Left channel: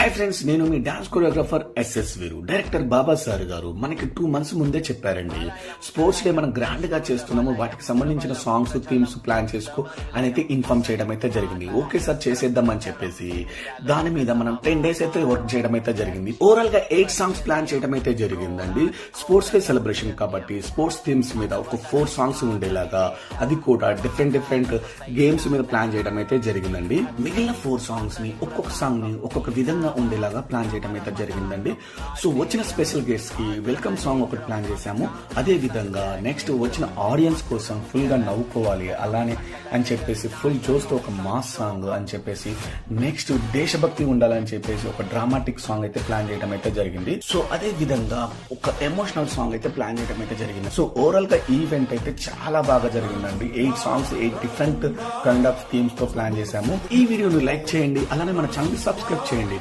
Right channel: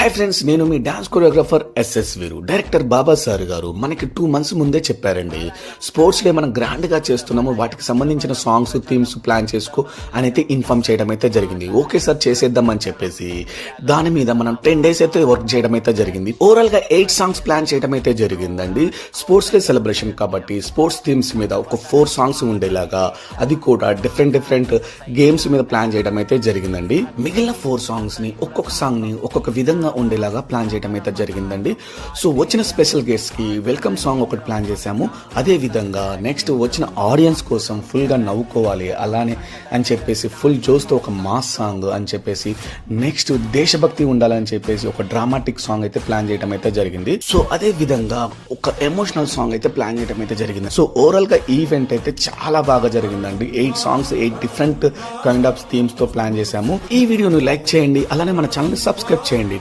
Hi friends నేను మీ dance choreographer SS Veeru. Director Baba sir గారు మనకి టూ మంత్స్ ముందే చెప్పారండి. స్పోర్ట్స్ డే మనం గ్రాండ్గా చేస్తున్నాము. వాటికి సంబంధించిన సాంగ్స్ థీమ్స్ ప్లాన్ చేసుకో అని అయితే ఇన్ఫార్మ్ చేయడం అయితే జరిగింది. ఓకే సార్ చేసేద్దాం అని చెప్పేసి దాని మీద మనం టెన్ డేస్ అయితే వర్క్ చేయడం అయితే జరిగింది. ఓవరాల్గా ఎయిట్ సాంగ్స్ ప్లాన్ చేయడం అయితే జరిగిందండి. స్పోర్ట్స్ డే సెలబ్రేషన్ కాబట్టి స్పోర్ట్స్ థీమ్స్ మీద ఒక ఫోర్ సాంగ్స్ ఉండేలాగా అది కూడా డిఫరెంట్ డిఫరెంట్ గేమ్స్ మీద ప్లాన్ చేయడం అయితే జరిగిందండి. మిగిలిన ఫోర్ సాంగ్స్ని ఒక్కొక్క సాంగ్ని ఒక్కొక్క విధంగా ఉండేలాగా ప్లాన్ చేయడం అయితే జరిగిందండి. సో వచ్చిన స్పెషల్ గెస్ట్కి వెల్కమ్ సాంగ్ ఒకటి ప్లాన్ చేశాము. అదే విధంగా నెక్స్ట్ వచ్చిన ఆడియన్స్ కోసం ఫుల్గా నవ్వుకోవాలి అలానే అని చెప్పేసి ఫుల్ జోస్తో ఒక మాస్ సాంగ్ అని చెప్పేసి నెక్స్ట్ దేశభక్తి ఉండాలని చెప్పేసి ఒక డ్రామాటిక్ సాంగ్ అయితే ప్లాన్ చేయడం అయితే జరిగింది. సో అదే విధంగా ఒక ఎమోషనల్ సాంగ్ అయితే ప్లాన్ చేయడం అయితే జరిగింది. సో ఓవరాల్గా ఈవెంట్ అయితే చాలా బాగా జరిగిందండి. Eight songs eight different kind of థీమ్స్తో plan చేశాము. ఈ వీడియోని లైక్ చేయండి అలానే మన ఛానల్ సబ్స్క్రైబ్ చేయండి.